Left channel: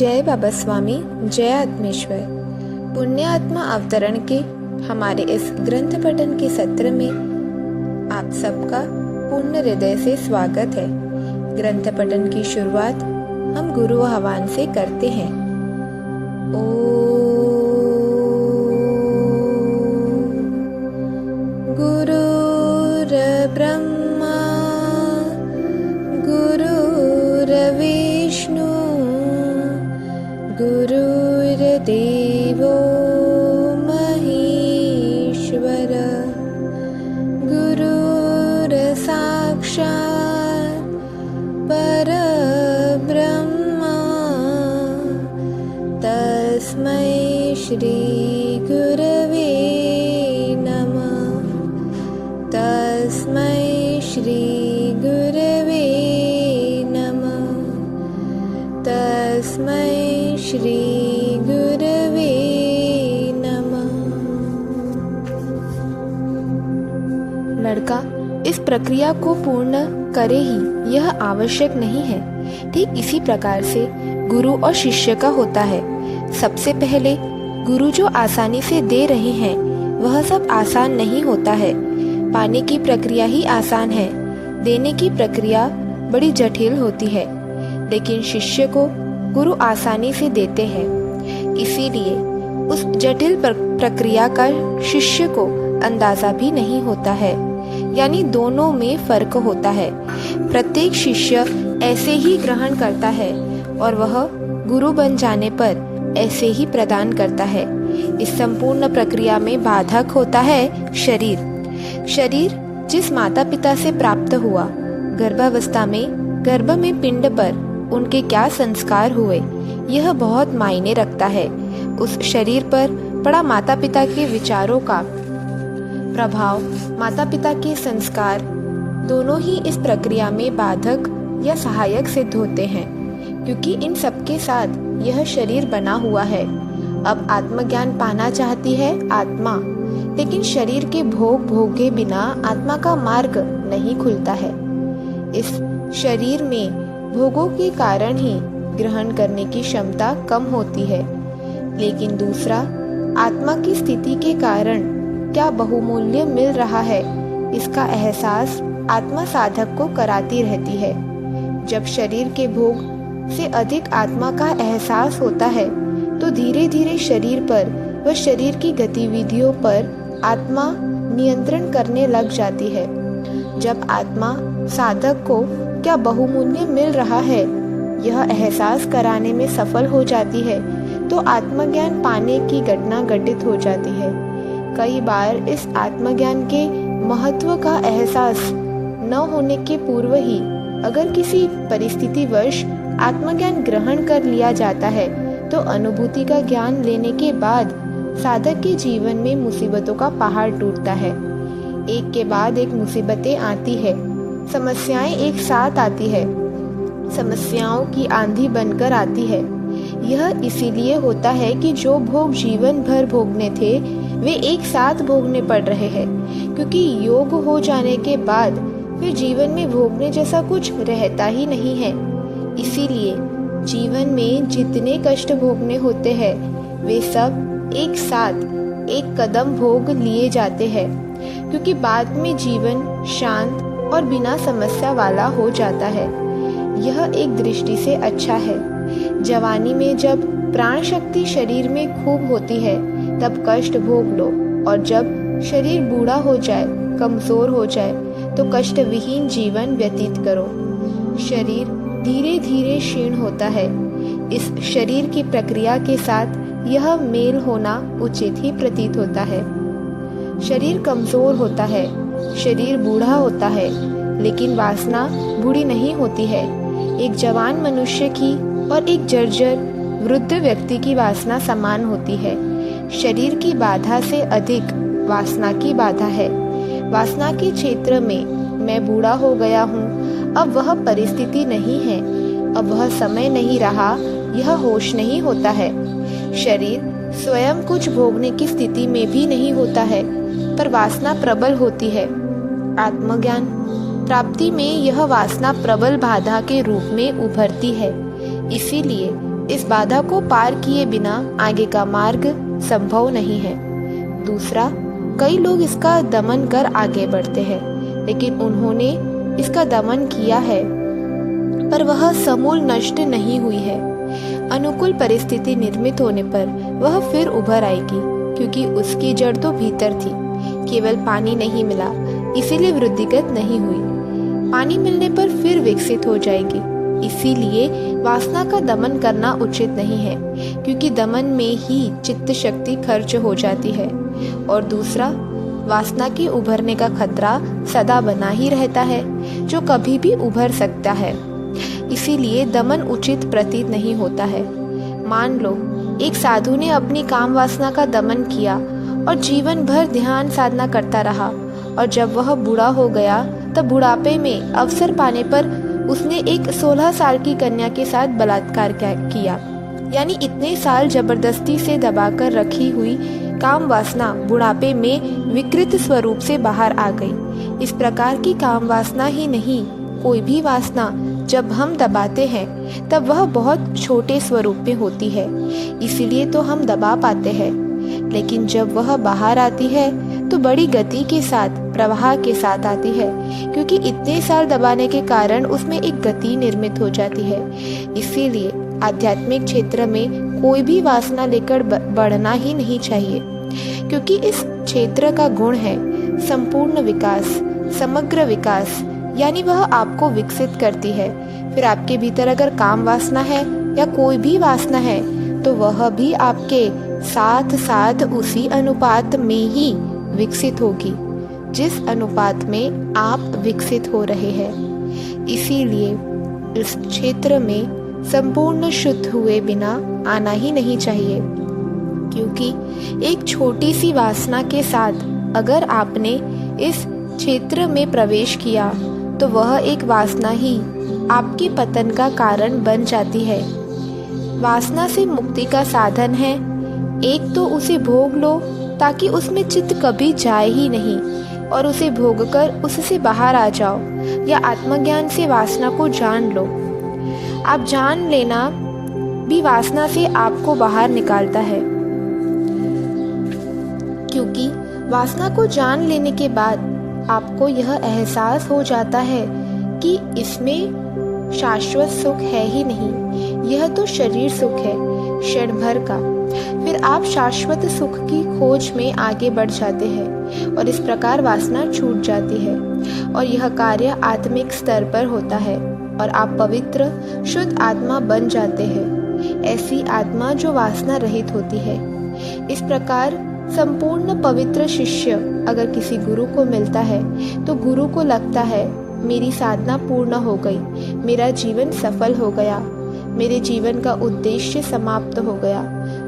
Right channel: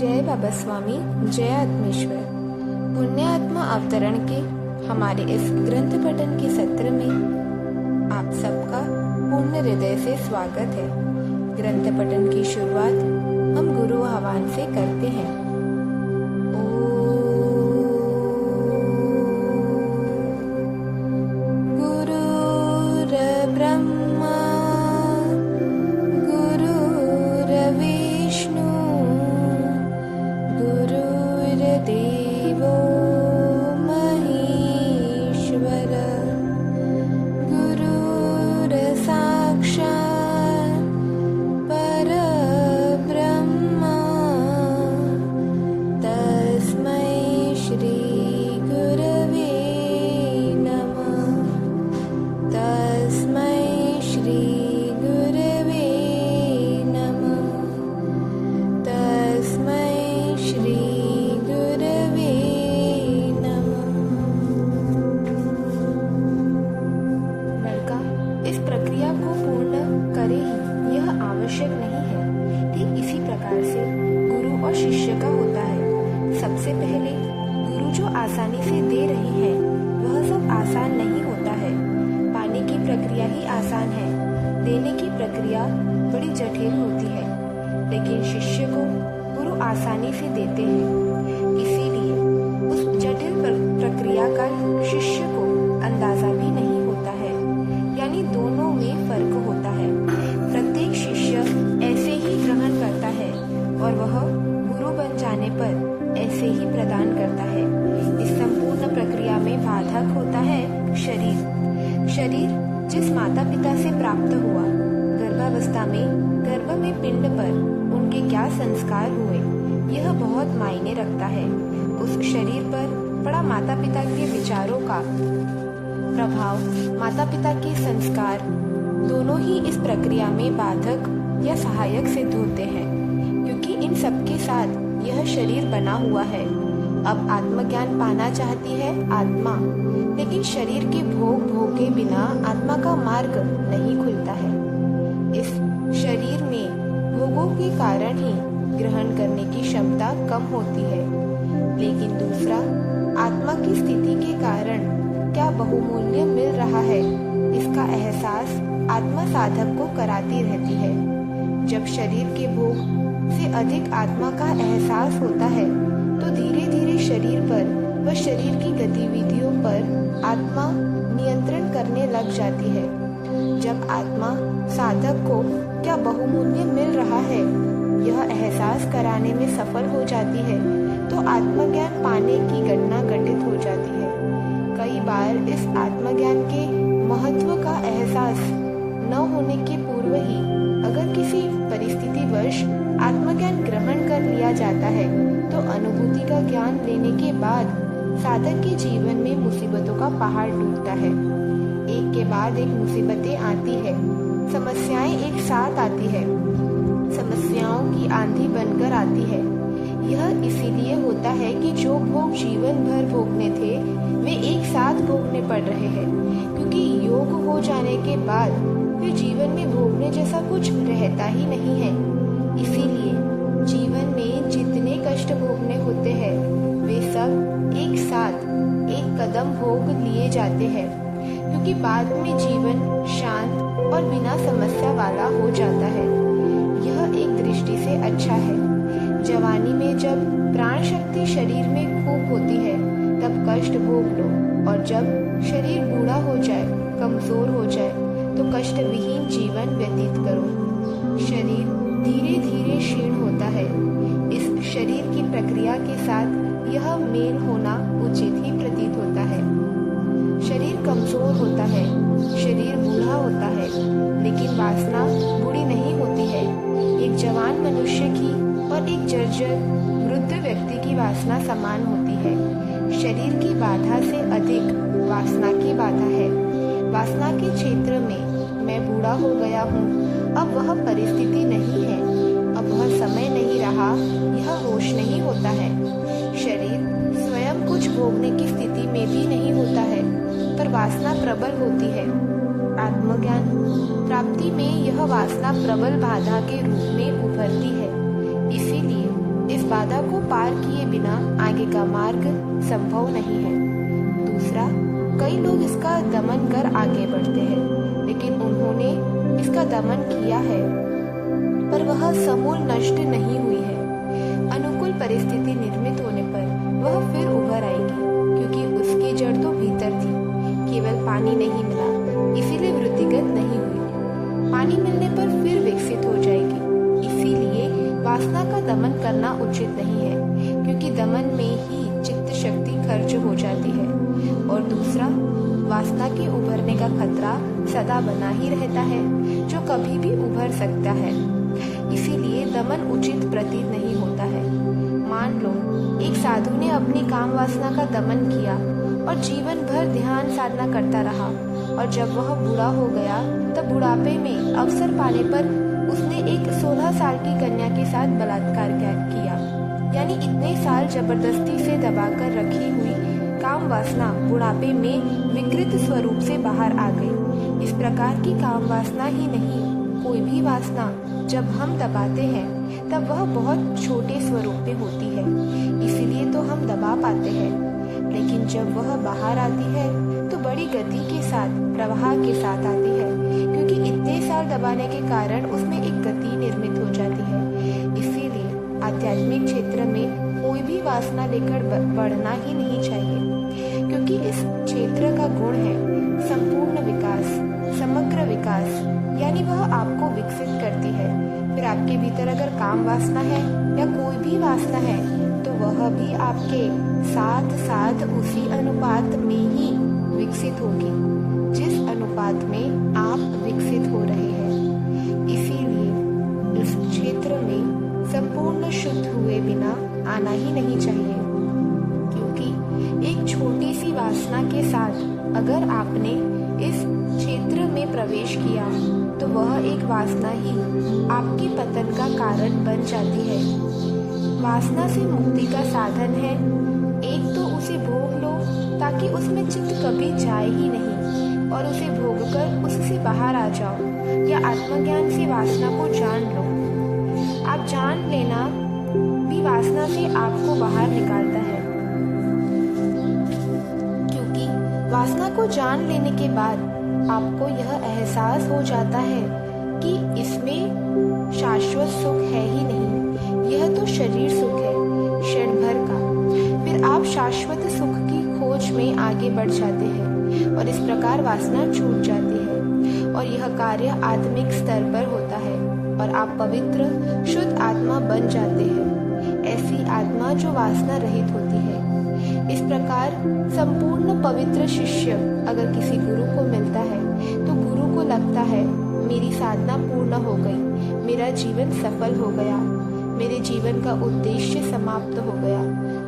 जय बाबा स्वामी, जय आत्मेश्वर। पुण्य आत्मा अवतरण के हमारे इस ग्रंथ पठन के सत्र में आप सबका पूर्ण हृदय से स्वागत है। ग्रंथ पठन की शुरुआत हम गुरु आह्वान से करते हैं। गुरुर्ब्रह्मा गुरुर्विष्णु गुरुर्देवो महेश्वर गुरुर्साक्षात् परब्रह्मा तस्मै श्री गुरवे नमः। तस्मै श्री गुरवे नमः। तस्मै श्री गुरवे नमः। लड़का इस प्रक्रिया को पूर्ण करे ही यह आवश्यक नहीं है। ठीक इसी प्रकार से गुरु और शिष्य का होता है। सबसे पहले गुरु जो आसानी से दे रहे हैं वह सब आसान नहीं होता है। पाने की प्रक्रिया ही आसान है, देने की प्रक्रिया बड़ी जटिल होती है। लेकिन शिष्य को गुरु आसानी से देते हैं, इसीलिए उस जटिल प्रक्रिया का शिष्य को अंदाजा भी नहीं होता है। यानी दोनों में फर्क होता है। प्रत्येक शिष्य ऐसे ही ग्रहण करता है और वह गुरु बन जाने पर ऐसे ही प्रदान करता है। इस संपूर्ण प्रक्रिया में बाधक होता है शरीर। शरीर जिस माता पिता से प्राप्त हुआ, गर्भावस्था में गर्भ में पिंड पर उनके क्या संस्कार हुए, यह बहुत मायने रखता है। उस शरीर पर पड़ा माता पिता के विचारों का प्रभाव, माता पिता के संस्कार दोनों ही इस प्रक्रिया में बाधक या सहायक सिद्ध होते हैं, क्योंकि इन सबके साथ यह शरीर बना हुआ है। अब आत्मज्ञान पाना चाहती है आत्मा, लेकिन शरीर के भोग भोगे बिना आत्मा का मार्ग नहीं खुलता है। इस शरीर में भोगों के कारण ही ग्रहण करने की क्षमता कम होती है। लेकिन दूसरा, आत्मा की स्थिति के कारण क्या बहुमूल्य मिल रहा है, इसका एहसास आत्मा साधक को कराती रहती है। जब शरीर के भोग से अधिक आत्मा का एहसास होता है तो धीरे धीरे शरीर पर व शरीर की गतिविधियों पर आत्मा नियंत्रण करने लग जाती है। जब आत्मा साधक को क्या बहुमूल्य मिल रहा है यह एहसास कराने में सफल हो जाती है तो आत्मज्ञान पाने की घटना घटित हो जाती है। कई बार इस आत्मज्ञान के महत्व का एहसास न होने के पूर्व ही अगर किसी परिस्थितिवश आत्मज्ञान ग्रहण कर लिया जाता है तो अनुभूति का ज्ञान लेने के बाद साधक के जीवन में मुसीबतों का पहाड़ टूटता है। एक के बाद एक मुसीबतें आती है, समस्याएं एक साथ आती है, समस्याओं की आंधी बनकर आती है। यह इसीलिए होता है कि जो भोग जीवन भर भोगने थे वे एक साथ भोगने पड़ रहे हैं, क्योंकि योग हो जाने के बाद फिर जीवन में भोगने जैसा कुछ रहता ही नहीं है। इसीलिए जीवन में जितने कष्ट भोगने होते हैं वे सब एक साथ एक कदम भोग लिए जाते हैं, क्योंकि बाद में जीवन शांत और बिना समस्या वाला हो जाता है। यह एक दृष्टि से अच्छा है। जवानी में जब प्राण शक्ति शरीर में खूब होती है तब कष्ट भोग लो, और जब शरीर बूढ़ा हो जाए, कमजोर हो जाए तो कष्ट विहीन जीवन व्यतीत करो। शरीर धीरे धीरे क्षीण होता है। इस शरीर की प्रक्रिया के साथ यह मेल होना उचित ही प्रतीत होता है। शरीर कमजोर होता है, शरीर बूढ़ा होता है, लेकिन वासना बूढ़ी नहीं होती है। एक जवान मनुष्य की और एक जर्जर वृद्ध व्यक्ति की वासना समान होती है। शरीर की बाधा से अधिक वासना की बाधा है। वासना के क्षेत्र में मैं बूढ़ा हो गया हूँ, अब वह परिस्थिति नहीं है, अब वह समय नहीं रहा, यह होश नहीं होता है। शरीर स्वयं कुछ भोगने की स्थिति में भी नहीं होता है, पर वासना प्रबल होती है। आत्मज्ञान प्राप्ति में यह वासना प्रबल बाधा के रूप में उभरती है। इसीलिए इस बाधा को पार किए बिना आगे का मार्ग संभव नहीं है। दूसरा, कई लोग इसका दमन कर आगे बढ़ते हैं, लेकिन उन्होंने इसका दमन किया है पर वह समूल नष्ट नहीं हुई है। अनुकूल परिस्थिति निर्मित होने पर वह फिर उभर आएगी, क्योंकि उसकी जड़ तो भीतर थी। केवल पानी नहीं मिला इसीलिए वृद्धिगत नहीं हुई, पानी मिलने पर फिर विकसित हो जाएगी। इसीलिए वासना का दमन करना उचित नहीं है, क्योंकि दमन में ही चित्त शक्ति खर्च हो जाती है। और दूसरा, वासना के उभरने का खतरा सदा बना ही रहता है, जो कभी भी उभर सकता है। इसीलिए दमन उचित प्रतीत नहीं होता है। मान लो एक साधु ने अपनी काम वासना का दमन किया और जीवन भर ध्यान साधना करता रहा, और जब वह बूढ़ा हो गया तब बुढ़ापे में अवसर पाने पर उसने एक 16 साल की कन्या के साथ बलात्कार किया। यानी इतने साल जबरदस्ती से दबाकर रखी हुई काम वासना बुढ़ापे में विकृत स्वरूप से बाहर आ गई। इस प्रकार की काम वासना ही नहीं, कोई भी वासना जब हम दबाते हैं तब वह बहुत छोटे स्वरूप में होती है, इसीलिए तो हम दबा पाते हैं। लेकिन जब वह बाहर आती है तो बड़ी गति के साथ, प्रवाह के साथ आती है, क्योंकि इतने साल दबाने के कारण उसमें एक गति निर्मित हो जाती है। इसीलिए आध्यात्मिक क्षेत्र में कोई भी वासना लेकर बढ़ना ही नहीं चाहिए, क्योंकि इस क्षेत्र का गुण है संपूर्ण विकास, समग्र विकास, यानी वह आपको विकसित करती है। फिर आपके भीतर अगर काम वासना है या कोई भी वासना है तो वह भी आपके साथ साथ उसी अनुपात में ही विकसित होगी जिस अनुपात में आप विकसित हो रहे हैं। इसीलिए इस क्षेत्र में संपूर्ण शुद्ध हुए बिना आना ही नहीं चाहिए, क्योंकि एक छोटी सी वासना के साथ अगर आपने इस क्षेत्र में प्रवेश किया तो वह एक वासना ही आपके पतन का कारण बन जाती है। वासना से मुक्ति का साधन है, एक तो उसे भोग लो ताकि उसमें चित्त कभी जाए ही नहीं, और उसे भोगकर उससे बाहर आ जाओ, या आत्मज्ञान से वासना को जान लो। आप जान लेना भी वासना से आपको बाहर निकालता है, क्योंकि वासना को जान लेने के बाद आपको यह एहसास हो जाता है कि इसमें शाश्वत सुख है ही नहीं, यह तो शरीर सुख है क्षण भर का। फिर आप शाश्वत सुख की खोज में आगे बढ़ जाते हैं और इस प्रकार वासना छूट जाती है, और यह कार्य आत्मिक स्तर पर होता है और आप पवित्र शुद्ध आत्मा बन जाते हैं, ऐसी आत्मा जो वासना रहित होती है। इस प्रकार संपूर्ण पवित्र शिष्य अगर किसी गुरु को मिलता है तो गुरु को लगता है मेरी साधना पूर्ण हो गई, मेरा जीवन सफल हो गया, मेरे जीवन का उद्देश्य समाप्त हो गया,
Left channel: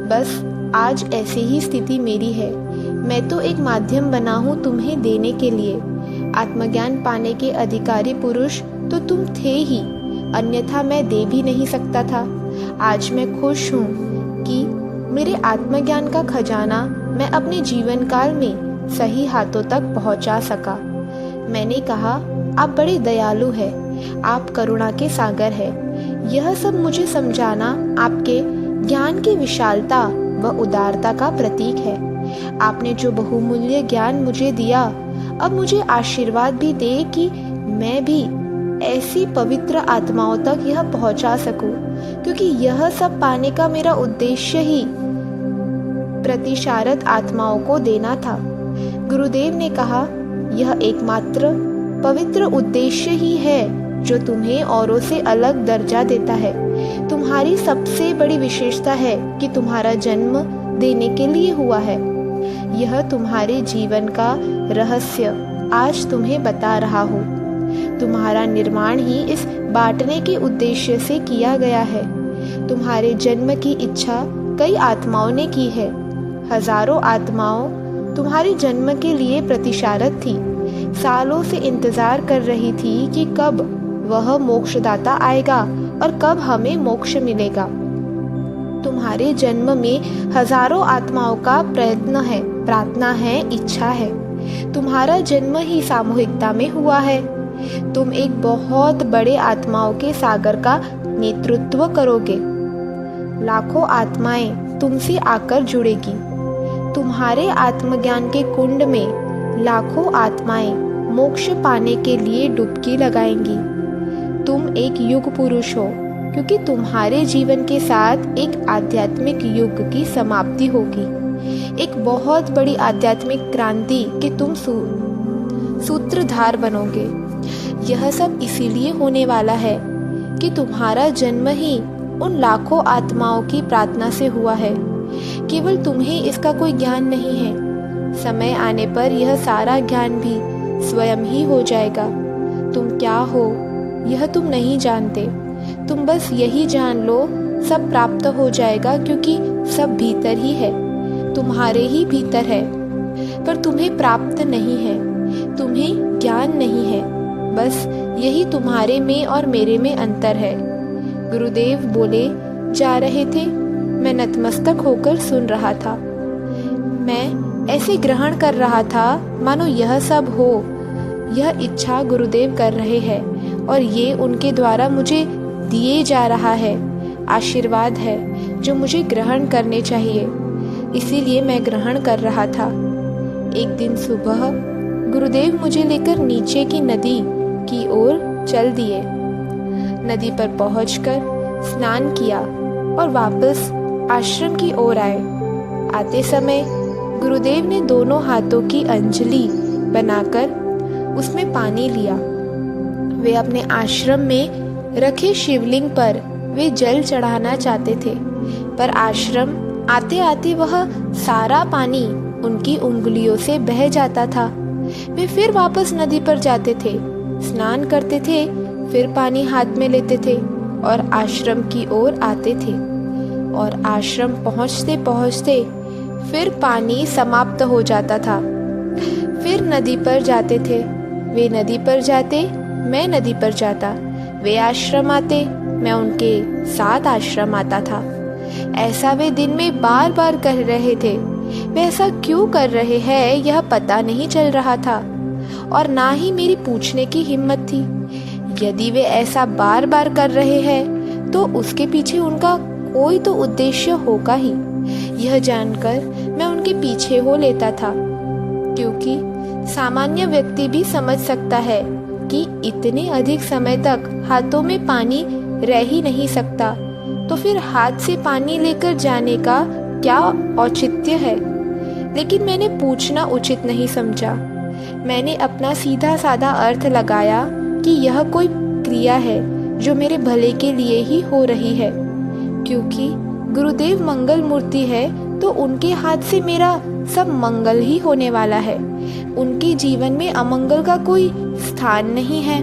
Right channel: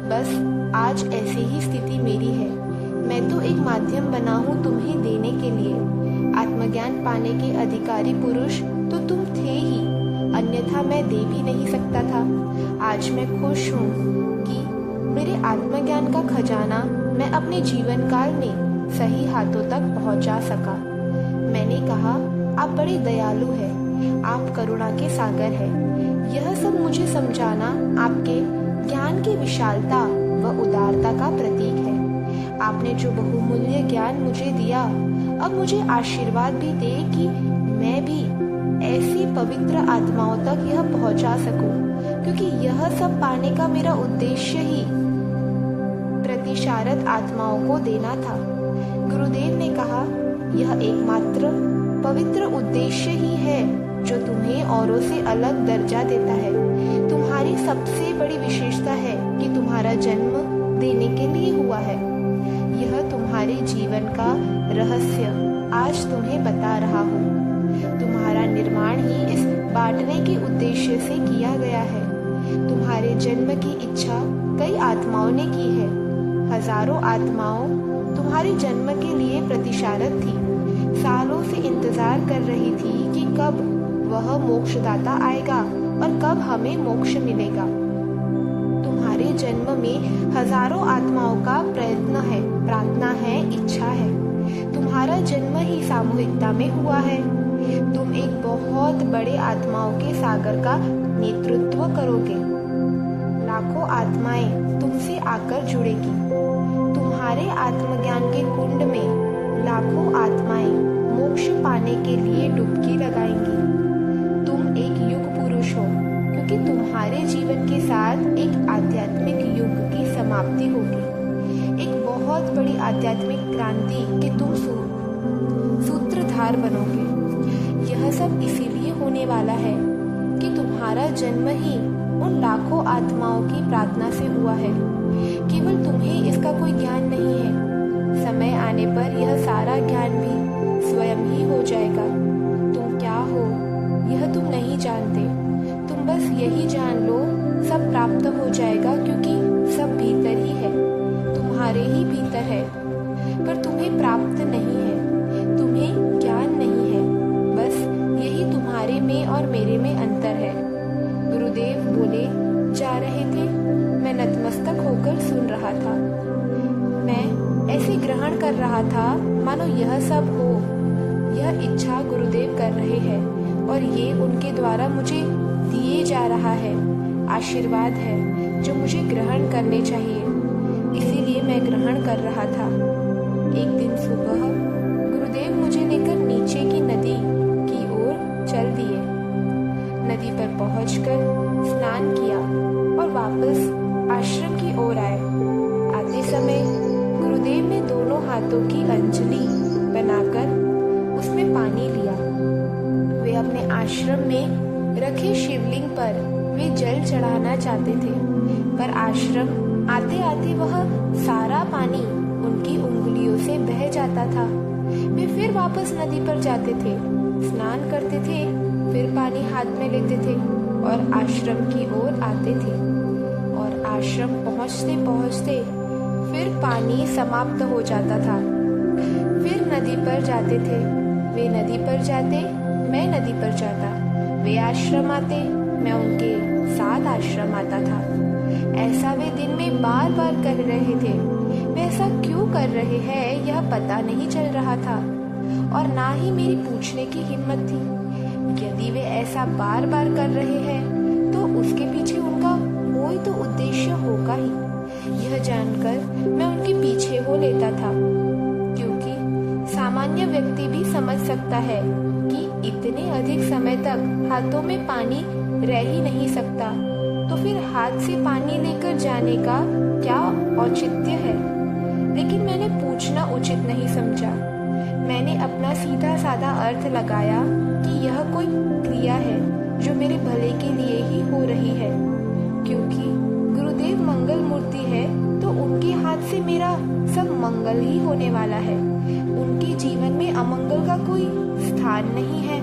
बस आज ऐसे ही स्थिति मेरी है, मैं तो एक माध्यम बना हूँ तुम्हें देने के लिए। आत्मज्ञान पाने के अधिकारी पुरुष तो तुम थे ही, अन्यथा मैं दे भी नहीं सकता था। आज मैं खुश हूँ कि मेरे आत्मज्ञान का खजाना मैं अपने जीवन काल में सही हाथों तक पहुंचा सका। मैंने कहा आप बड़े दयालु हैं, आप करुणा के सागर हैं। यह सब मुझे समझाना आपके ज्ञान की विशालता व उदारता का प्रतीक है। आपने जो बहुमूल्य ज्ञान मुझे दिया, अब मुझे आशीर्वाद भी दे कि मैं भी ऐसी पवित्र आत्माओं तक यह पहुंचा सकूं, क्योंकि यह सब पाने का मेरा उद्देश्य ही प्रतिशारत आत्माओं को देना था। गुरुदेव ने कहा यह एकमात्र पवित्र उद्देश्य ही है जो तुम्हें औरों से अलग दर्जा देता है। तुम्हारी सबसे बड़ी विशेषता है कि तुम्हारा जन्म देने के लिए हुआ है। यह तुम्हारे जीवन का रहस्य आज तुम्हें बता रहा हूँ। तुम्हारा निर्माण ही इस बांटने के उद्देश्य से किया गया है। तुम्हारे जन्म की इच्छा कई आत्माओं ने की है। हजारों आत्माओं तुम्हारे जन्म के लिए प्रतिशारत थी, सालों से इंतजार कर रही थी कि कब वह मोक्षदाता आएगा और कब हमें मोक्ष मिलेगा। तुम्हारे जन्म में हजारों आत्माओं का प्रयत्न है, प्रार्थना है, इच्छा है। तुम्हारा जन्म ही सामूहिकता में हुआ है। तुम एक बहुत बड़े आत्माओं के सागर का नेतृत्व करोगे। लाखों आत्माएं तुमसे आकर जुड़ेगी। तुम्हारे आत्मज्ञान के कुंड में लाखों आत्माएं मोक्ष पाने के लिए डुबकी लगाएंगी। तुम एक युग पुरुष हो, क्योंकि तुम्हारे जीवन के साथ एक आध्यात्मिक युग की समाप्ति होगी, एक बहुत बड़ी आध्यात्मिक क्रांति के तुम सूत्रधार बनोगे। यह सब इसीलिए होने वाला है कि तुम्हारा जन्म ही उन लाखों आत्माओं की प्रार्थना से हुआ है। केवल तुम्हें इसका कोई ज्ञान नहीं है। समय आने पर यह सारा ज्ञान भी स्वयं ही हो जाएगा। तुम क्या हो यह तुम नहीं जानते। तुम बस यही जान लो, सब प्राप्त हो जाएगा, क्योंकि सब भीतर ही है, तुम्हारे ही भीतर है। पर तुम्हें प्राप्त नहीं है, तुम्हें ज्ञान नहीं है। बस यही तुम्हारे में और मेरे में अंतर है। गुरुदेव बोले जा रहे थे। मैं नतमस्तक होकर सुन रहा था। मैं ऐसे ग्रहण कर रहा था मानो यह सब हो। यह इच्छा गुरुदेव कर रहे हैं और ये उनके द्वारा मुझे दिए जा रहा है। आशीर्वाद है जो मुझे ग्रहण करने चाहिए, इसीलिए मैं ग्रहण कर रहा था। एक दिन सुबह गुरुदेव मुझे लेकर नीचे की नदी की ओर चल दिए। नदी पर पहुंचकर स्नान किया और वापस आश्रम की ओर आए। आते समय गुरुदेव ने दोनों हाथों की अंजलि बनाकर उसमें पानी लिया। वे अपने आश्रम में रखे शिवलिंग पर वे जल चढ़ाना चाहते थे, पर आश्रम आते आते वह सारा पानी उनकी उंगलियों से बह जाता था। वे फिर वापस नदी पर जाते थे, स्नान करते थे, फिर पानी हाथ में लेते थे और आश्रम की ओर आते थे। और आश्रम पहुंचते पहुंचते फिर पानी समाप्त हो जाता था। फिर नदी पर जाते थे। वे नदी पर जाते, मैं नदी पर जाता। वे आश्रम आते, मैं उनके साथ आश्रम आता था। ऐसा वे दिन में बार बार कर रहे थे। वे ऐसा क्यों कर रहे हैं यह पता नहीं चल रहा था और ना ही मेरी पूछने की हिम्मत थी। यदि वे ऐसा बार बार कर रहे हैं तो उसके पीछे उनका कोई तो उद्देश्य होगा ही। यह जानकर मैं उनके पीछे हो लेता था, क्योंकि सामान्य व्यक्ति भी समझ सकता है कि इतने अधिक समय तक हाथों में पानी रह ही नहीं सकता, तो फिर हाथ से पानी लेकर जाने का क्या औचित्य है। लेकिन मैंने पूछना उचित नहीं समझा। मैंने अपना सीधा साधा अर्थ लगाया कि यह कोई क्रिया है जो मेरे भले के लिए ही हो रही है। क्योंकि गुरुदेव मंगल मूर्ति है तो उनके हाथ से मेरा सब मंगल ही होने वाला है। उनके जीवन में अमंगल का कोई स्थान नहीं है।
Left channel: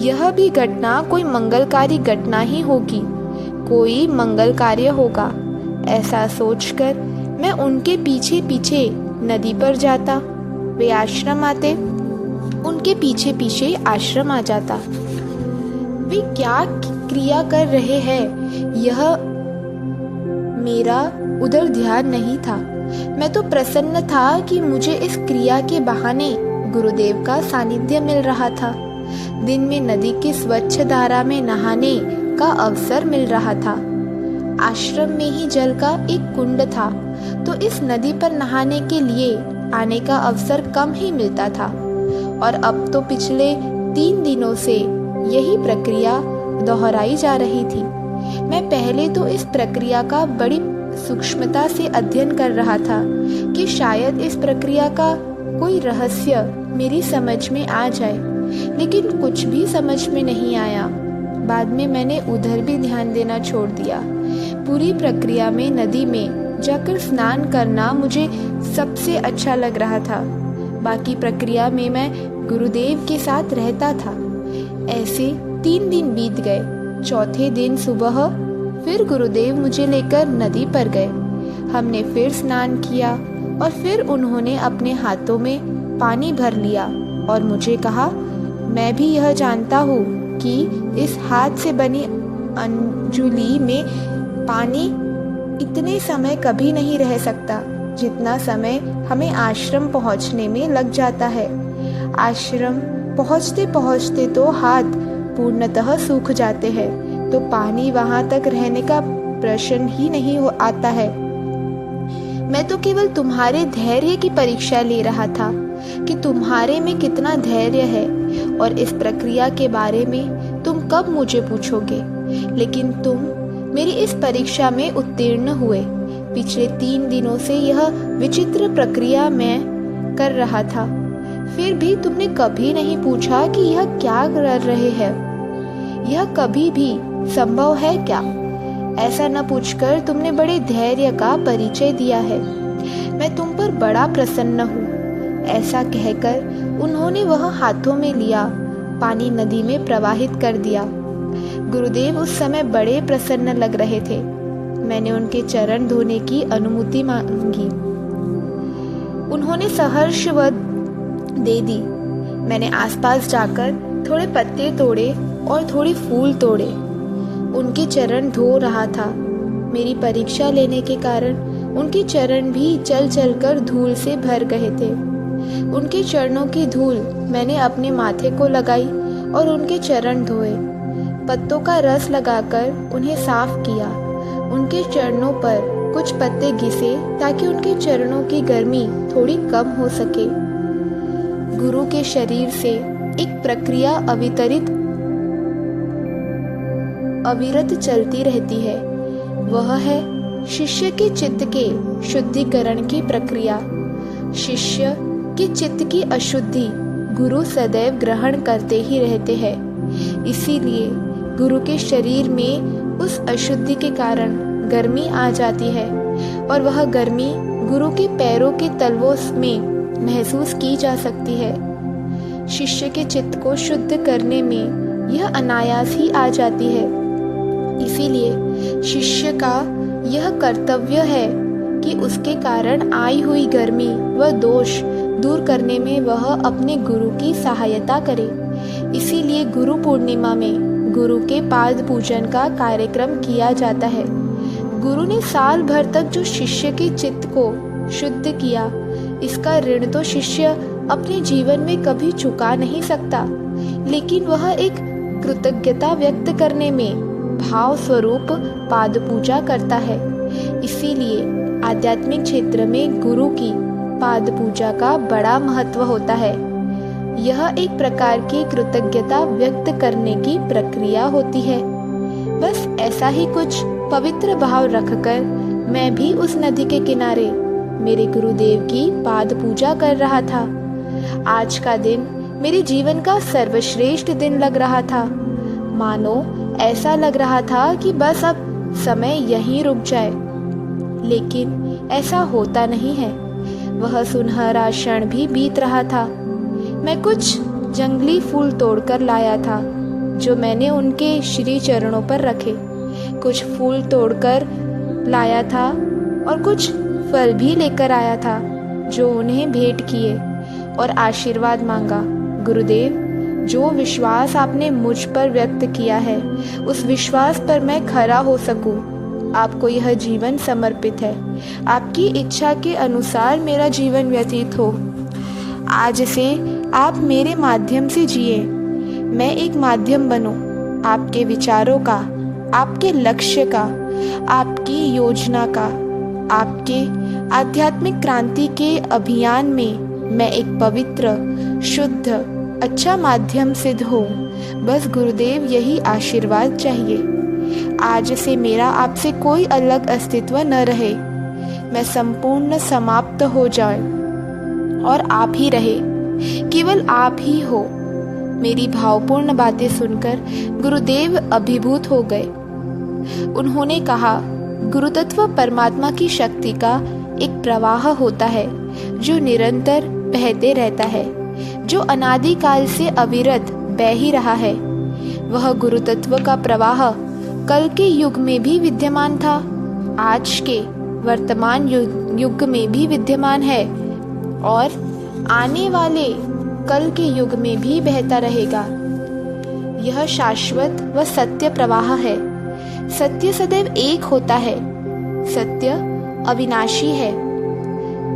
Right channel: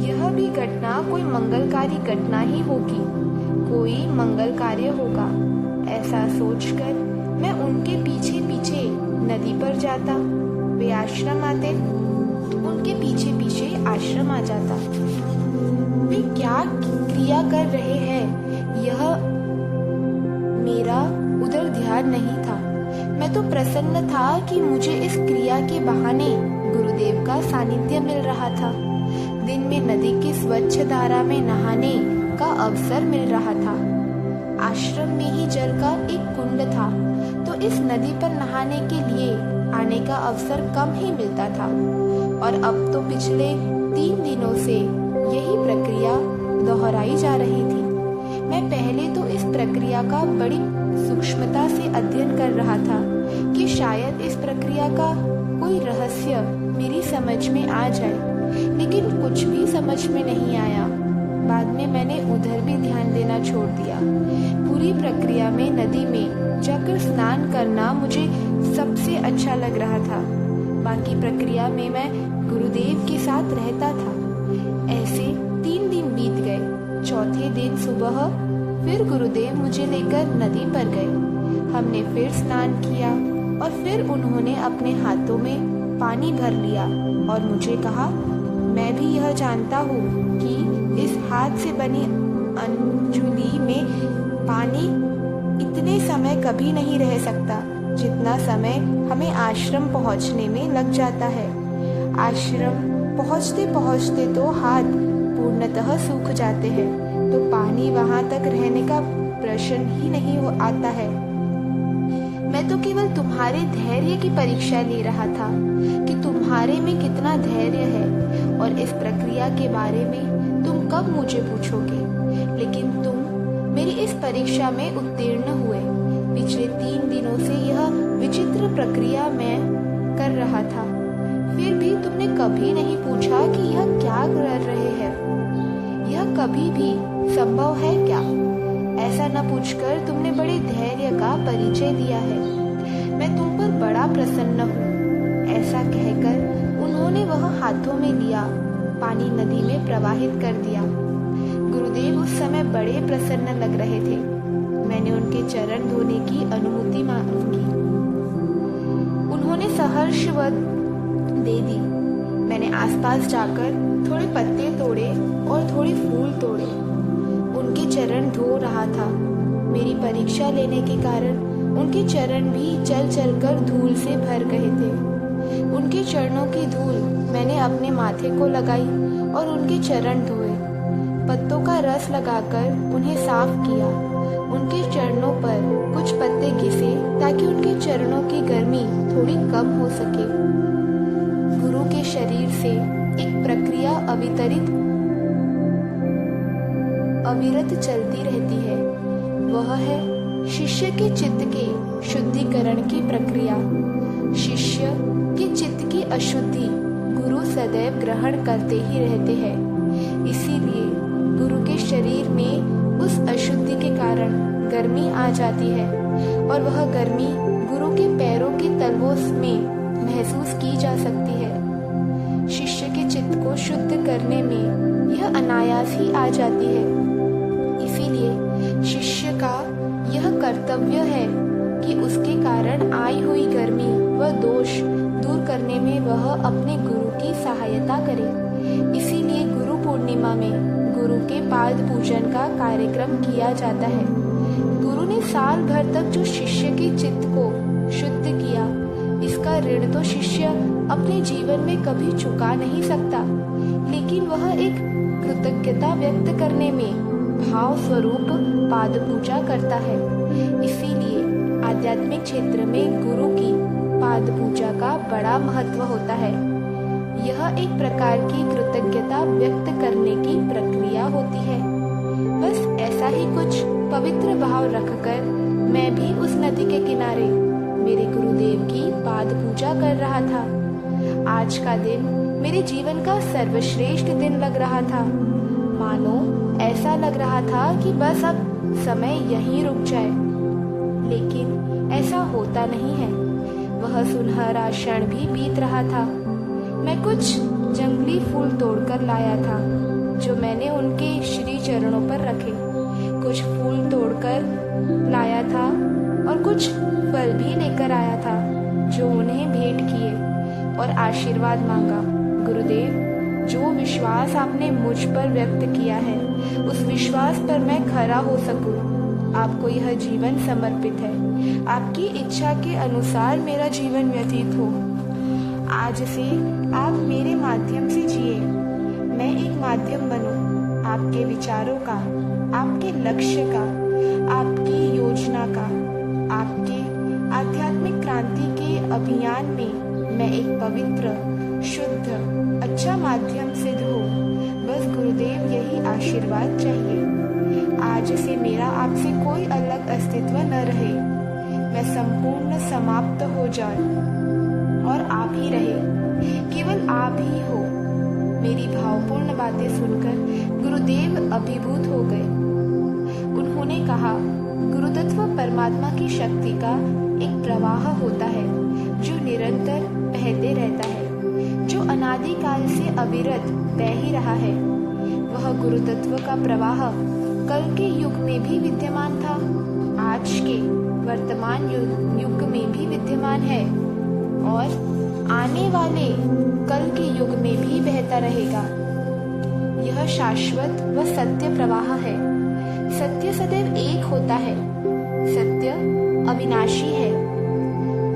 यह भी घटना कोई मंगलकारी घटना ही होगी, कोई मंगल कार्य होगा। ऐसा सोचकर मैं उनके पीछे पीछे नदी पर जाता। वे आश्रम आते, उनके पीछे पीछे आश्रम आ जाता। वे क्या क्रिया कर रहे हैं यह मेरा उधर ध्यान नहीं था। मैं तो प्रसन्न था कि मुझे इस क्रिया के बहाने गुरुदेव का सानिध्य मिल रहा था। दिन में नदी की स्वच्छ धारा में नहाने का अवसर मिल रहा था। आश्रम में ही जल का एक कुंड था, तो इस नदी पर नहाने के लिए आने का अवसर कम ही मिलता था। और अब तो पिछले 3 दिनों से यही प्रक्रिया दोहराई जा रही थी। मैं पहले तो इस प्रक्रिया का बड़ी सूक्ष्मता से अध्ययन कर रहा था कि शायद इस प्रक्रिया का कोई रहस्य मेरी समझ में आ जाए, लेकिन कुछ भी समझ में नहीं आया। बाद में मैंने उधर भी ध्यान देना छोड़ दिया। पूरी प्रक्रिया में नदी में जाकर स्नान करना मुझे सबसे अच्छा लग रहा था। बाकी प्रक्रिया में मैं गुरुदेव के साथ रहता था। ऐसे 3 दिन बीत गए। चौथे दिन सुबह फिर गुरुदेव मुझे लेकर नदी पर गए। हमने फिर स्नान किया और फिर उन्होंने अपने हाथों में पानी भर लिया और मुझे कहा, मैं भी यह जानता हूँ कि इस हाथ से बनी अंजुली में पानी इतने समय कभी नहीं रह सकता जितना समय हमें आश्रम पहुँचने में लग जाता है। आश्रम पहुँचते पहुँचते तो हाथ पूर्णतः सूख जाते हैं, तो पानी वहाँ तक रहने का प्रश्न ही नहीं आता है। मैं तो केवल तुम्हारे धैर्य की परीक्षा ले रहा था कि तुम्हारे में कितना धैर्य है, और इस प्रक्रिया के बारे में तुम कब मुझे पूछोगे। लेकिन तुम मेरी इस परीक्षा में उत्तीर्ण हुए। पिछले 3 दिनों से यह विचित्र प्रक्रिया मैं कर रहा था, फिर भी तुमने कभी नहीं पूछा कि यह क्या कर रहे हैं। यह कभी भी संभव है क्या? ऐसा न पूछकर तुमने बड़े धैर्य का परिचय दिया है। मैं तुम पर बड़ा प्रसन्न हूँ। ऐसा कहकर उन्होंने वह हाथों में लिया पानी नदी में प्रवाहित कर दिया। गुरुदेव उस समय बड़े प्रसन्न लग रहे थे। मैंने उनके चरण धोने की अनुमति मांगी। उन्होंने सहर्षवद दे दी। मैंने आसपास जाकर थोड़े पत्ते तोड़े और थोड़े फूल तोड़े। उनके चरण धो रहा था। मेरी परीक्षा लेने के कारण उनके चरण भी चल चलकर धूल से भर गए थे। उनके चरणों की धूल मैंने अपने माथे को लगाई और उनके चरण धोए। पत्तों का रस लगाकर उन्हें साफ किया। उनके चरणों पर कुछ पत्ते घिसे ताकि उनके चरणों की गर्मी थोड़ी कम हो सके। गुरु के शरीर से एक प्रक्रिया अविरत चलती रहती है। वह है शिष्य के चित्त के शुद्धिकरण की प्रक्रिया। शिष्य के चित्त की अशुद्धि गुरु सदैव ग्रहण करते ही रहते हैं। इसीलिए गुरु के शरीर में उस अशुद्धि के कारण गर्मी आ जाती है, और वह गर्मी गुरु के पैरों के तलवों में महसूस की जा सकती है। शिष्य के चित्त को शुद्ध करने में यह अनायास ही आ जाती है। इसीलिए शिष्य का यह कर्तव्य है कि उसके कारण आई हुई गर्मी व दोष दूर करने में वह अपने गुरु की सहायता करे। इसीलिए गुरु पूर्णिमा में गुरु के पाद पूजन का कार्यक्रम किया जाता है। गुरु ने साल भर तक जो शिष्य के चित्त को शुद्ध किया, इसका ऋण तो शिष्य अपने जीवन में कभी चुका नहीं सकता, लेकिन वह एक कृतज्ञता व्यक्त करने में भाव स्वरूप पाद पूजा करता है। इसीलिए आध्यात्मिक क्षेत्र में गुरु की पाद पूजा का बड़ा महत्व होता है। यह एक प्रकार की कृतज्ञता व्यक्त करने की प्रक्रिया होती है। बस ऐसा ही कुछ पवित्र भाव रखकर मैं भी उस नदी के किनारे मेरे गुरुदेव की पाद पूजा कर रहा था। आज का दिन मेरे जीवन का सर्वश्रेष्ठ दिन लग रहा था। मानो ऐसा लग रहा था कि बस अब समय यहीं रुक जाए, लेकिन ऐसा होता नहीं है। वह सुनहरा क्षण भी बीत रहा था। मैं कुछ जंगली फूल तोड़कर लाया था जो मैंने उनके श्री चरणों पर रखे। कुछ फूल तोड़कर लाया था और कुछ फल भी लेकर आया था जो उन्हें भेंट किए और आशीर्वाद मांगा। गुरुदेव, जो विश्वास आपने मुझ पर व्यक्त किया है, उस विश्वास पर मैं खरा हो सकूं, आपको यह जीवन समर्पित है। आपकी इच्छा के अनुसार मेरा जीवन व्यतीत हो। आज से आप मेरे माध्यम से जिए। मैं एक माध्यम बनूं आपके विचारों का, आपके लक्ष्य का, आपकी योजना का, आपके आध्यात्मिक क्रांति के अभियान में मैं एक पवित्र, शुद्ध, अच्छा माध्यम सिद्ध हो। बस गुरुदेव, यही आशीर्वाद चाहिए। आज से मेरा आपसे कोई अलग अस्तित्व न रहे। मैं संपूर्ण समाप्त हो जाऊं और आप ही रहे, केवल आप ही हो। मेरी भावपूर्ण बातें सुनकर गुरुदेव अभिभूत हो गए। उन्होंने कहा, गुरुतत्व परमात्मा की शक्ति का एक प्रवाह होता है जो निरंतर बहते रहता है, जो अनादिकाल से अविरत बह ही रहा है। वह गुरुतत्व का प्रवाह कल के युग में भी विद्यमान था, आज के वर्तमान युग में भी विद्यमान है और आने वाले कल के युग में भी बहता रहेगा। यह शाश्वत व सत्य प्रवाह है। सत्य सदैव एक होता है। सत्य अविनाशी है।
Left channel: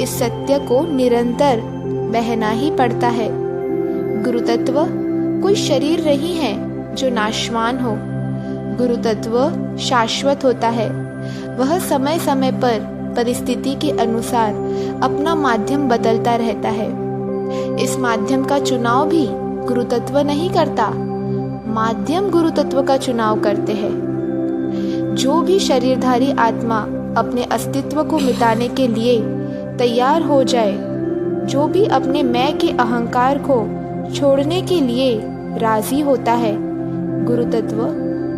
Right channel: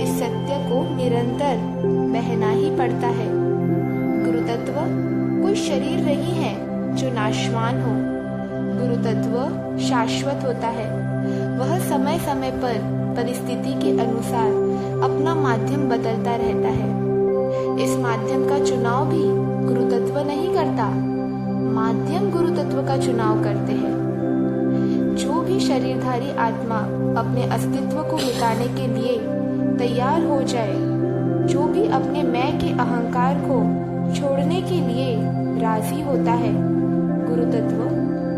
इस सत्य को निरंतर बहना ही पड़ता है। गुरुतत्व कोई शरीर नहीं है जो नाशवान हो। गुरुतत्व शाश्वत होता है। वह समय समय पर परिस्थिति के अनुसार अपना माध्यम बदलता रहता है। इस माध्यम का चुनाव भी गुरु तत्व नहीं करता, माध्यम गुरु तत्व का चुनाव करते हैं। जो भी शरीरधारी आत्मा अपने अस्तित्व को मिटाने के लिए तैयार हो जाए, जो भी अपने मैं के अहंकार को छोड़ने के लिए राजी होता है, गुरु तत्व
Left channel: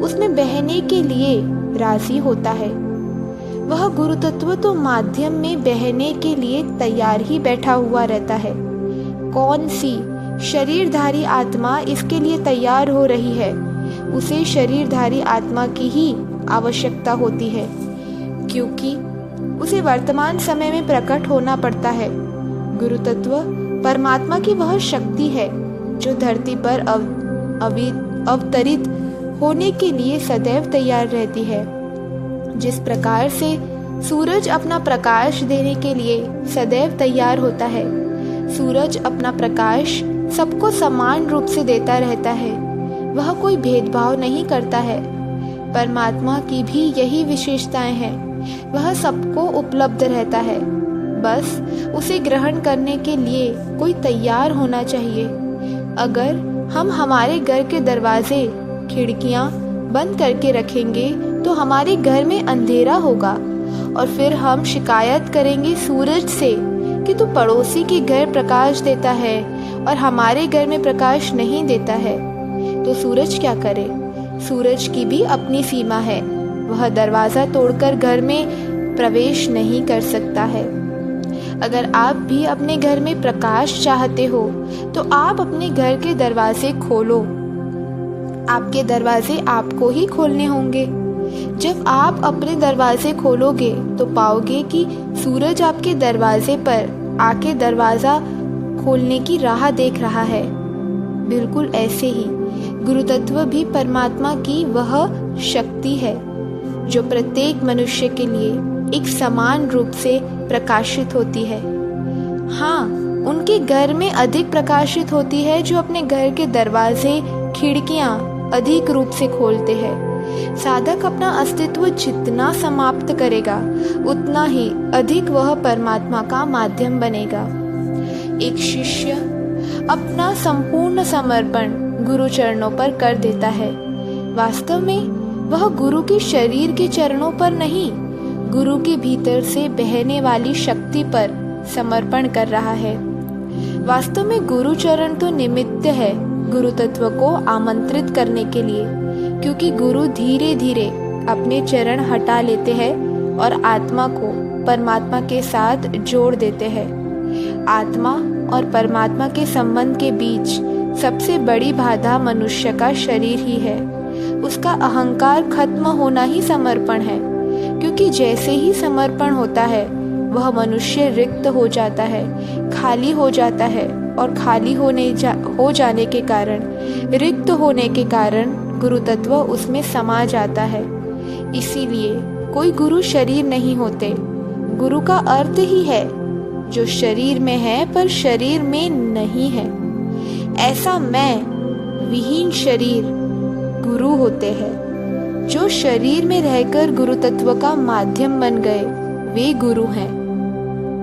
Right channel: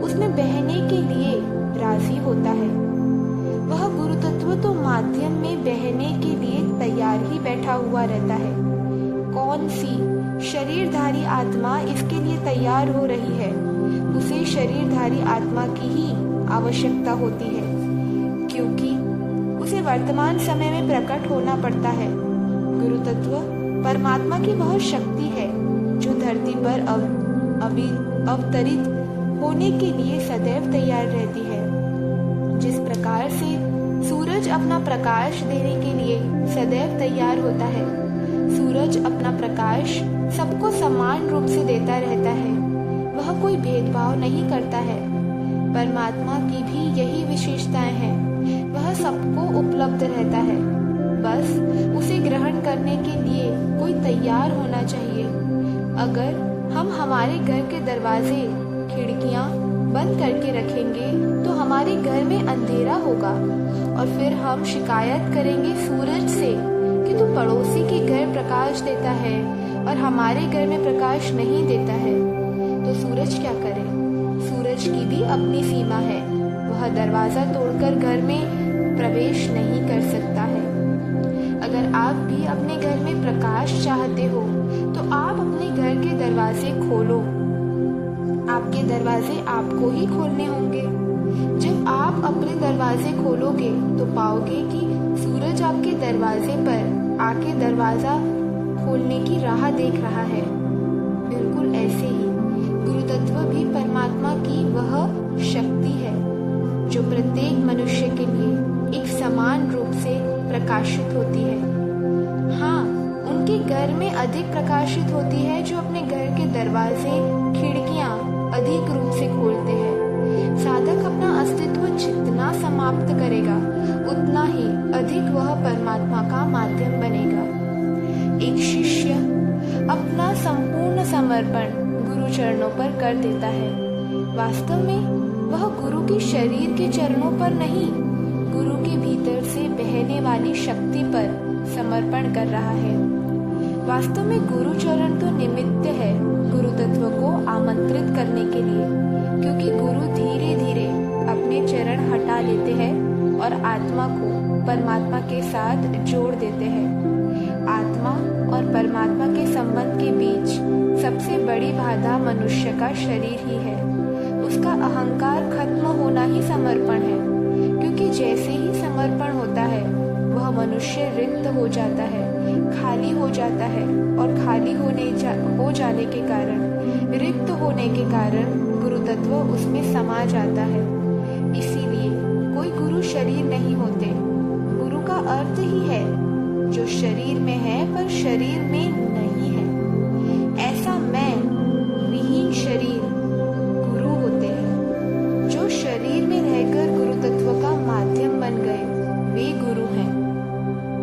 उसमें बहने के लिए राजी होता है। वह गुरु तत्व तो माध्यम में बहने के लिए तैयार ही बैठा हुआ रहता है। कौन सी शरीरधारी आत्मा इसके लिए तैयार हो रही है, उसे शरीरधारी आत्मा की ही आवश्यकता होती है, क्योंकि उसे वर्तमान समय में प्रकट होना पड़ता है। गुरु तत्व परमात्मा की वह शक्ति है जो धरती पर अवतरित होने के लिए सदैव तैयार रहती है। जिस प्रकार से सूरज अपना प्रकाश देने के लिए सदैव तैयार होता है, सूरज अपना प्रकाश सबको समान रूप से देता रहता है, वह कोई भेदभाव नहीं करता है। परमात्मा की भी यही विशेषताएं हैं, वह सबको उपलब्ध रहता है, बस उसे ग्रहण करने के लिए कोई तैयार होना चाहिए। अगर हम हमारे घर के दरवाजे खिड़कियां बंद करके रखेंगे तो हमारे घर में अंधेरा होगा और फिर हम शिकायत करेंगे सूरज से कि तू पड़ोसी के घर प्रकाश देता है और हमारे घर में प्रकाश नहीं देता है। तो सूरज क्या करे? सूरज की भी अपनी सीमा है, वह दरवाजा तोड़कर घर में प्रवेश नहीं कर सकता है। अगर आप भी अपने घर में प्रकाश चाहते हो तो आप अपने घर के दरवाजे खोलो। आपके दरवाजे आपको ही खोलने होंगे। जब आप अपने दरवाजे खोलोगे तो पाओगे कि सूरज आपके दरवाजे पर आके दरवाजा खोलने की राह देख रहा है। बिल्कुल ऐसे ही गुरु तत्व भी परमात्मा की वह शक्ति है जो प्रत्येक मनुष्य के लिए एक समान रूप से प्रकाशित होती है। हाँ, उनके घर में अधिक प्रकाशित होती है जो अपने घर के दरवाजे खिड़कियां अधिक रूप से खोलते हैं। साधक अपना अस्तित्व जितना समाप्त करेगा उतना ही अधिक वह परमात्मा का माध्यम बनेगा। एक शिष्य अपना संपूर्ण समर्पण गुरु चरणों पर कर देता है। वास्तव में वह गुरु के शरीर के चरणों पर नहीं, गुरु के भीतर से बहने वाली शक्ति पर समर्पण कर रहा है। वास्तव में गुरु चरण तो निमित्त है गुरु तत्व को आमंत्रित करने के लिए, क्योंकि गुरु धीरे धीरे अपने चरण हटा लेते हैं और आत्मा को परमात्मा के साथ जोड़ देते हैं। आत्मा और परमात्मा के संबंध के बीच सबसे बड़ी बाधा मनुष्य का शरीर ही है। उसका अहंकार खत्म होना ही समर्पण है, क्योंकि जैसे ही समर्पण होता है वह मनुष्य रिक्त हो जाता है, खाली हो जाता है और खाली हो जाने के कारण, रिक्त होने के कारण गुरु तत्व उसमें समा जाता है। इसीलिए कोई गुरु शरीर नहीं होते। गुरु का अर्थ ही है जो शरीर में है पर शरीर में नहीं है। ऐसा मैं विहीन शरीर गुरु होते हैं। जो शरीर में रहकर गुरु तत्व का माध्यम बन गए वे गुरु हैं।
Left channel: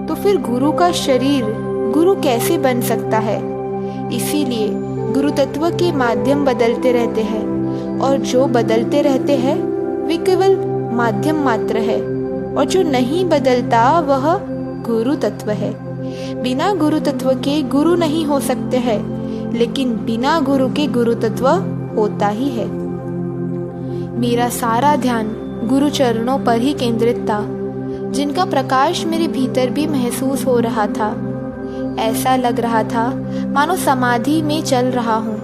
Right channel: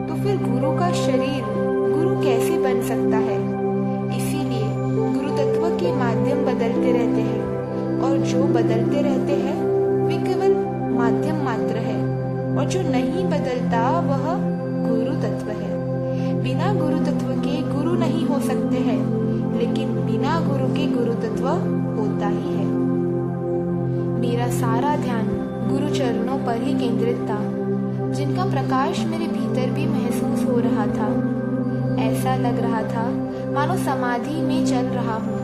तो फिर गुरु का शरीर गुरु कैसे बन सकता है? इसीलिए गुरु तत्व के माध्यम बदलते रहते हैं और जो बदलते रहते हैं वे केवल माध्यम मात्र है, और जो नहीं बदलता वह गुरु तत्व है। बिना गुरु तत्व के गुरु नहीं हो सकते हैं, लेकिन बिना गुरु के गुरु तत्व होता ही है। मेरा सारा ध्यान गुरु चरणों पर ही केंद्रित था, जिनका प्रकाश मेरे भीतर भी महसूस हो रहा था। ऐसा लग रहा था मानो समाधि में चल रहा हूँ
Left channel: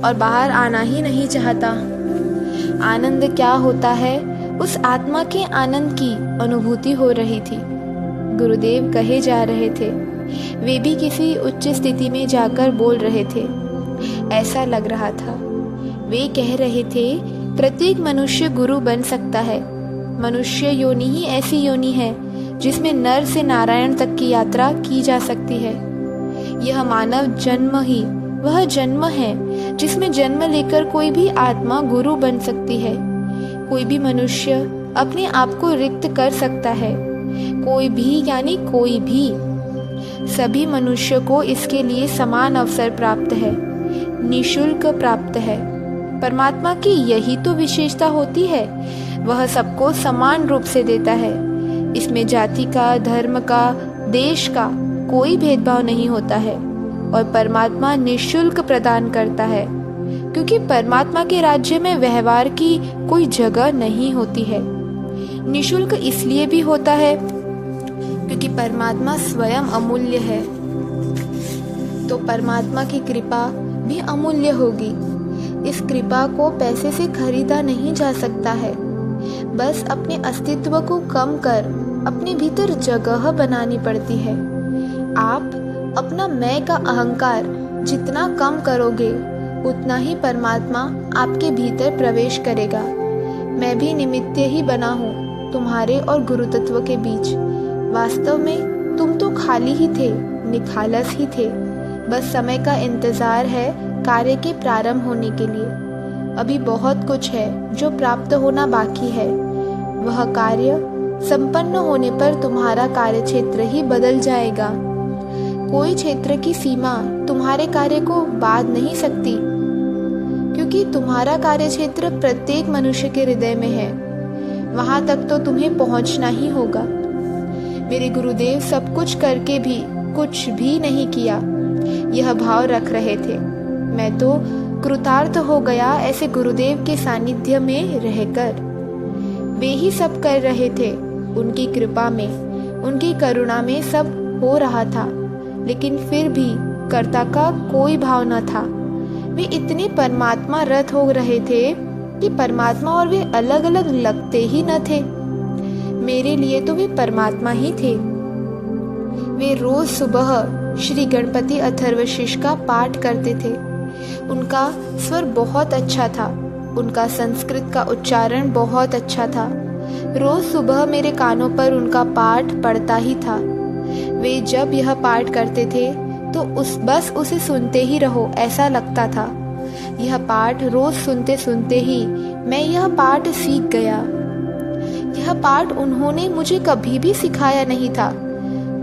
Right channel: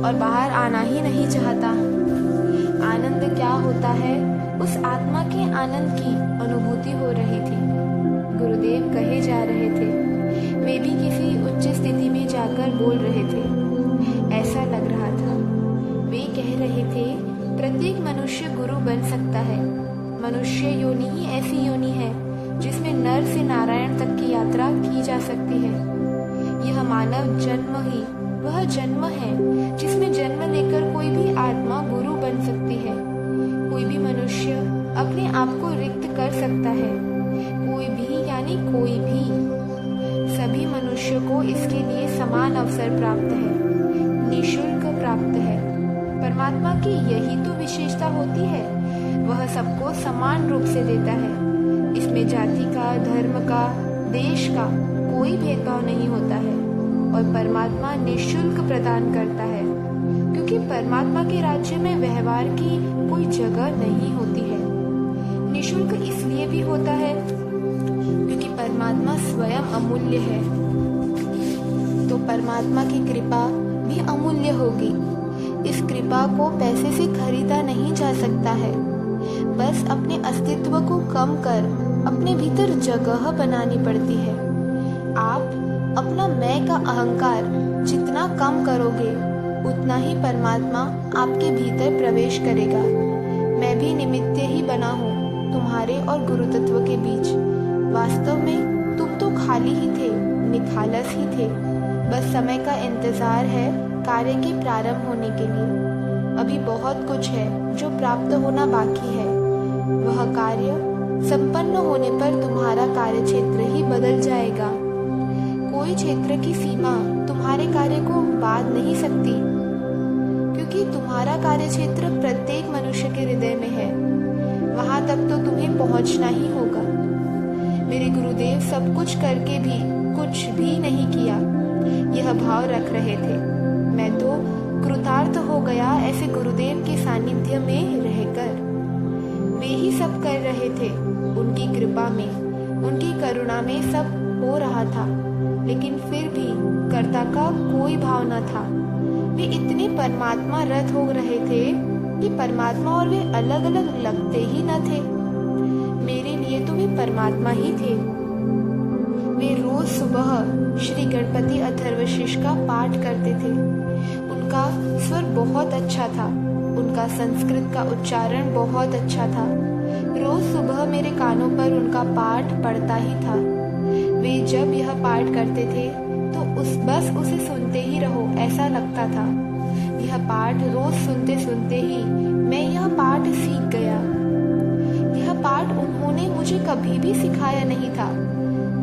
और बाहर आना ही नहीं चाहता। आनंद क्या होता है, उस आत्मा के आनंद की अनुभूति हो रही थी। गुरुदेव कहे जा रहे थे, वे भी किसी उच्च स्थिति में जाकर बोल रहे थे। ऐसा लग रहा था वे कह रहे थे, प्रत्येक मनुष्य गुरु बन सकता है। मनुष्य योनि ही ऐसी योनि है जिसमें नर से नारायण तक की यात्रा की जा सकती है। यह मानव जन्म ही वह जन्म है जिसमें जन्म लेकर कोई भी आत्मा गुरु बन सकती है। कोई भी मनुष्य अपने आप को रिक्त कर सकता है। कोई भी यानी कोई भी। सभी मनुष्य को इसके लिए समान अवसर प्राप्त है, निःशुल्क प्राप्त है। परमात्मा की यही तो विशेषता होती है, वह सबको समान रूप से देता है। इसमें जाति का, धर्म का, देश का कोई भेदभाव नहीं होता है और परमात्मा निःशुल्क प्रदान करता है, क्योंकि परमात्मा के राज्य में व्यवहार की कोई जगह नहीं होती है। निःशुल्क इसलिए भी होता है क्योंकि परमात्मा स्वयं अमूल्य है, तो परमात्मा की कृपा भी अमूल्य होगी। इस कृपा को पैसे से खरीदा नहीं जा सकता है। बस अपने अस्तित्व को कम कर अपने भीतर जगह बनानी पड़ती है। आप अपना मैं का अहंकार जितना कम करोगे, उतना ही परमात्मा आपके भीतर प्रवेश करेगा। मैं भी निमित्त ही बना हूँ तुम्हारे और गुरु तत्व के बीच। वास्तव में तुम तो खाली ही थे, निखालस ही थे। बस समय का इंतजार है कार्य के प्रारंभ होने के लिए। अभी बहुत कुछ है जो प्राप्त होना बाकी है। वह कार्य संपन्न होने पर तुम्हारा कार्य क्षेत्र ही बदल जाएगा। कोई क्षेत्र की सीमा तुम्हारे कार्य को बांध नहीं सकती, क्योंकि तुम्हारा कार्य क्षेत्र प्रत्येक मनुष्य के हृदय में है। वहां तक तो तुम्हें पहुंचना ही होगा। मेरे गुरुदेव सब कुछ करके भी कुछ भी नहीं किया, यह भाव रख रहे थे। मैं तो कृतार्थ हो गया ऐसे गुरुदेव के सानिध्य में रहकर। वे ही सब कर रहे थे। उनकी कृपा में, उनकी करुणा में सब हो रहा था, लेकिन फिर भी कर्ता का कोई भाव न था। वे इतने परमात्मा रत हो रहे थे कि परमात्मा और वे अलग अलग लगते ही न थे। मेरे लिए तो वे परमात्मा ही थे। वे रोज सुबह श्री गणपति अथर्वशीष का पाठ करते थे। उनका स्वर बहुत अच्छा था, उनका संस्कृत का उच्चारण बहुत अच्छा था। रोज सुबह मेरे कानों पर उनका पाठ पड़ता ही था। वे जब यह पाठ करते थे तो बस उसे सुनते ही रहो ऐसा लगता था। यह पाठ रोज सुनते सुनते ही मैं यह पाठ सीख गया। यह पाठ उन्होंने मुझे कभी भी सिखाया नहीं था।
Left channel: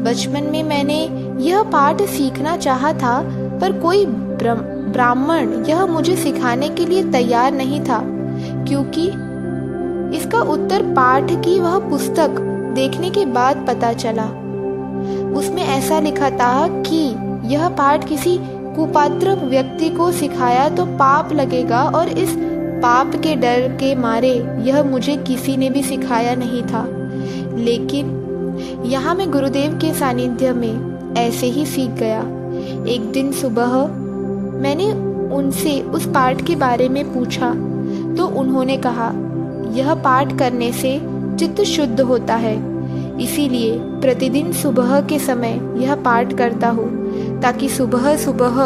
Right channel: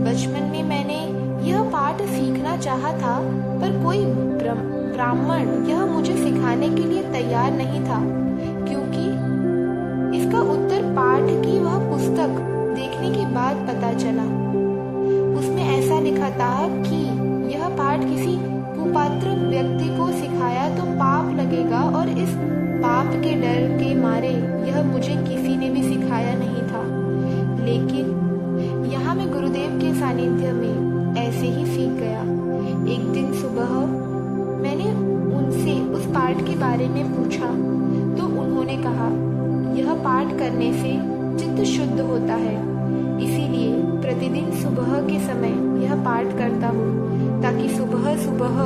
बचपन में मैंने यह पाठ सीखना चाहा था, पर कोई ब्राह्मण यह मुझे सिखाने के लिए तैयार नहीं था, क्योंकि इसका उत्तर पाठ की वह पुस्तक देखने के बाद पता चला। उसमें ऐसा लिखा था कि यह पाठ किसी कुपात्र व्यक्ति को सिखाया तो पाप लगेगा, और इस पाप के डर के मारे यह मुझे किसी ने भी सिखाया नहीं था। लेकिन यहाँ मैं गुरुदेव के सानिध्य में ऐसे ही सीख गया। एक दिन सुबह मैंने उनसे उस पाठ के बारे में पूछा तो उन्होंने कहा, यह पाठ करने से चित्त शुद्ध होता है, इसीलिए प्रतिदिन सुबह के समय यह पाठ करता हूँ, ताकि सुबह सुबह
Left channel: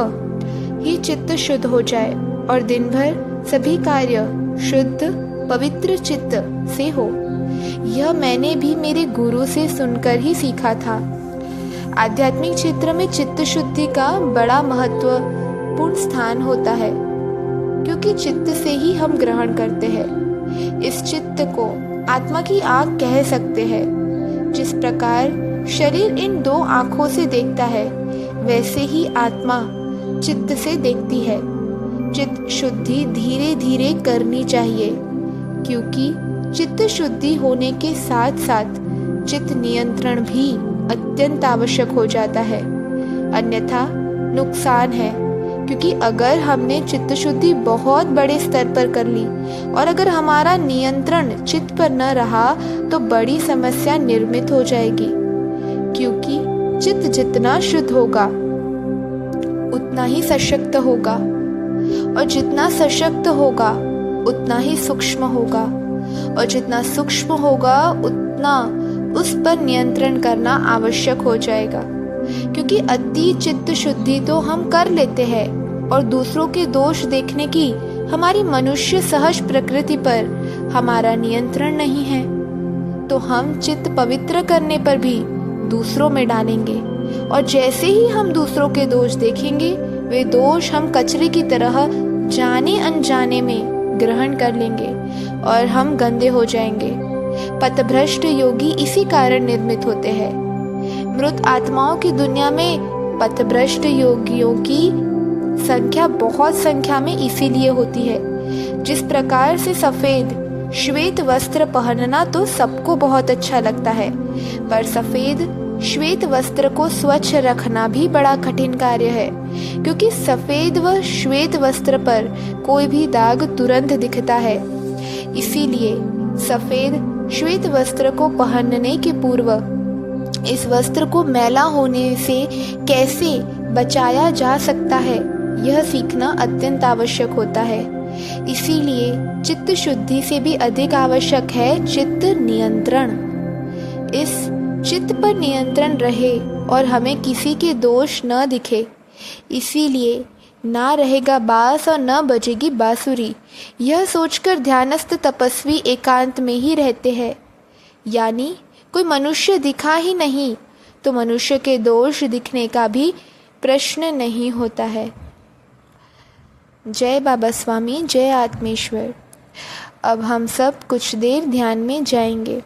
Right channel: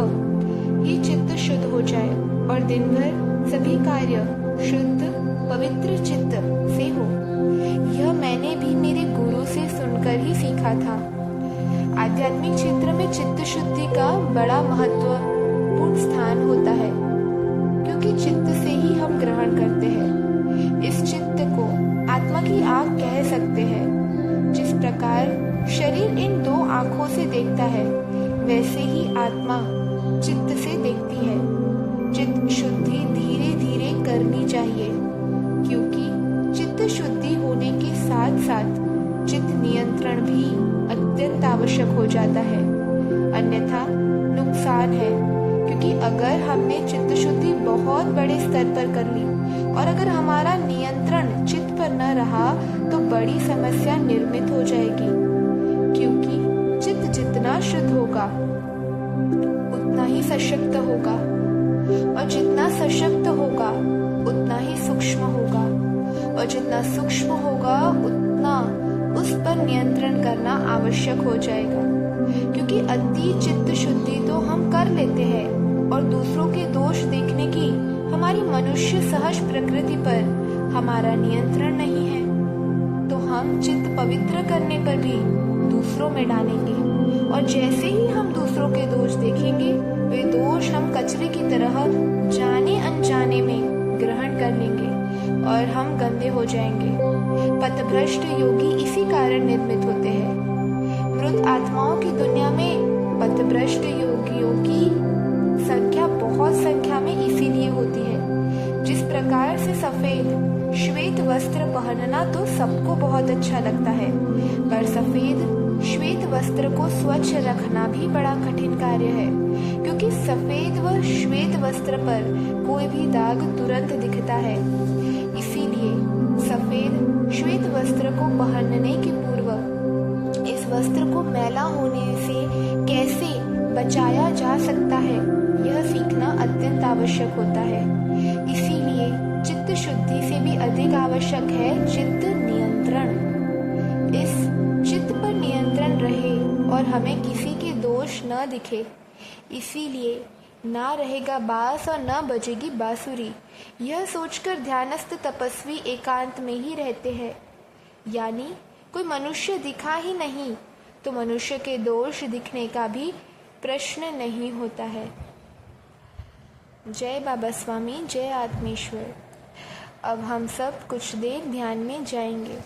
ही चित्त शुद्ध हो जाए और दिन भर सभी कार्य शुद्ध पवित्र चित्त से हो। यह मैंने भी मेरे गुरु से सुनकर ही सीखा था। आध्यात्मिक क्षेत्र में चित्त शुद्धि का बड़ा महत्वपूर्ण स्थान होता है, क्योंकि चित्त से ही हम ग्रहण करते हैं। इस चित्त को आत्मा की आँख कह सकते हैं। जिस प्रकार शरीर इन दो आँखों से देखता है, वैसे ही आत्मा चित्त से देखती है। चित्त शुद्धि धीरे धीरे करनी चाहिए, क्योंकि चित्त शुद्धि होने के साथ साथ चित्त नियंत्रण भी अत्यंत आवश्यक हो जाता है, अन्यथा नुकसान है। क्योंकि अगर हमने चित्त शुद्धि बहुत बड़े स्तर पर कर ली और अगर हमारा नियंत्रण चित्त पर न रहा तो बड़ी समस्या निर्मित हो जाएगी, क्योंकि चित्त जितना शुद्ध होगा उतना ही सशक्त होगा, और जितना सशक्त होगा उतना ही सूक्ष्म होगा, और जितना सूक्ष्म होगा उतना उस पर नियंत्रण करना आवश्यक हो जाएगा। क्योंकि अति चित्त शुद्धि तो हम कर लेते हैं और दूसरों के दोष देखने की हमारी मनुष्य सहज प्रकृति पर हमारा नियंत्रण नहीं है, तो हम चित्त पवित्र करने पर भी दूसरों में डालेंगे, और जैसे ही हम दूसरों के दोष देखेंगे वे दोष हम कचरे की तरह जाने अनजाने में ग्रहण कर लेंगे और हम गंदे हो जाएंगे। पथभ्रष्ट योगी इसी कारण निर्मित होते हैं। मृत आत्माओं की दुनिया में पथभ्रष्ट योगियों की संख्या बहुत संख्या में इसीलिए होती है। जिस प्रकार से सफेद श्वेत वस्त्र पहनना तो सबको बहुत अच्छा लगता है, पर सफेद श्वेत वस्त्र को स्वच्छ रखना भी बड़ा कठिन कार्य है, क्योंकि सफेद व श्वेत वस्त्र पर कोई भी दाग तुरंत दिखता है। इसीलिए सफेद श्वेत वस्त्र को पहनने के पूर्व इस वस्त्र को मैला होने से कैसे बचाया जा सकता है, यह सीखना अत्यंत आवश्यक होता है। इसीलिए चित्त शुद्धि से भी अधिक आवश्यक है चित्त नियंत्रण। इस चित्त पर नियंत्रण रहे और हमें किसी के दोष न दिखे, इसीलिए ना रहेगा बांस और न बजेगी बांसुरी, यह सोचकर ध्यानस्थ तपस्वी एकांत में ही रहते हैं। यानी कोई मनुष्य दिखा ही नहीं तो मनुष्य के दोष दिखने का भी प्रश्न नहीं होता है। जय बाबा स्वामी, जय आत्मेश्वर। अब हम सब कुछ देर ध्यान में जाएंगे।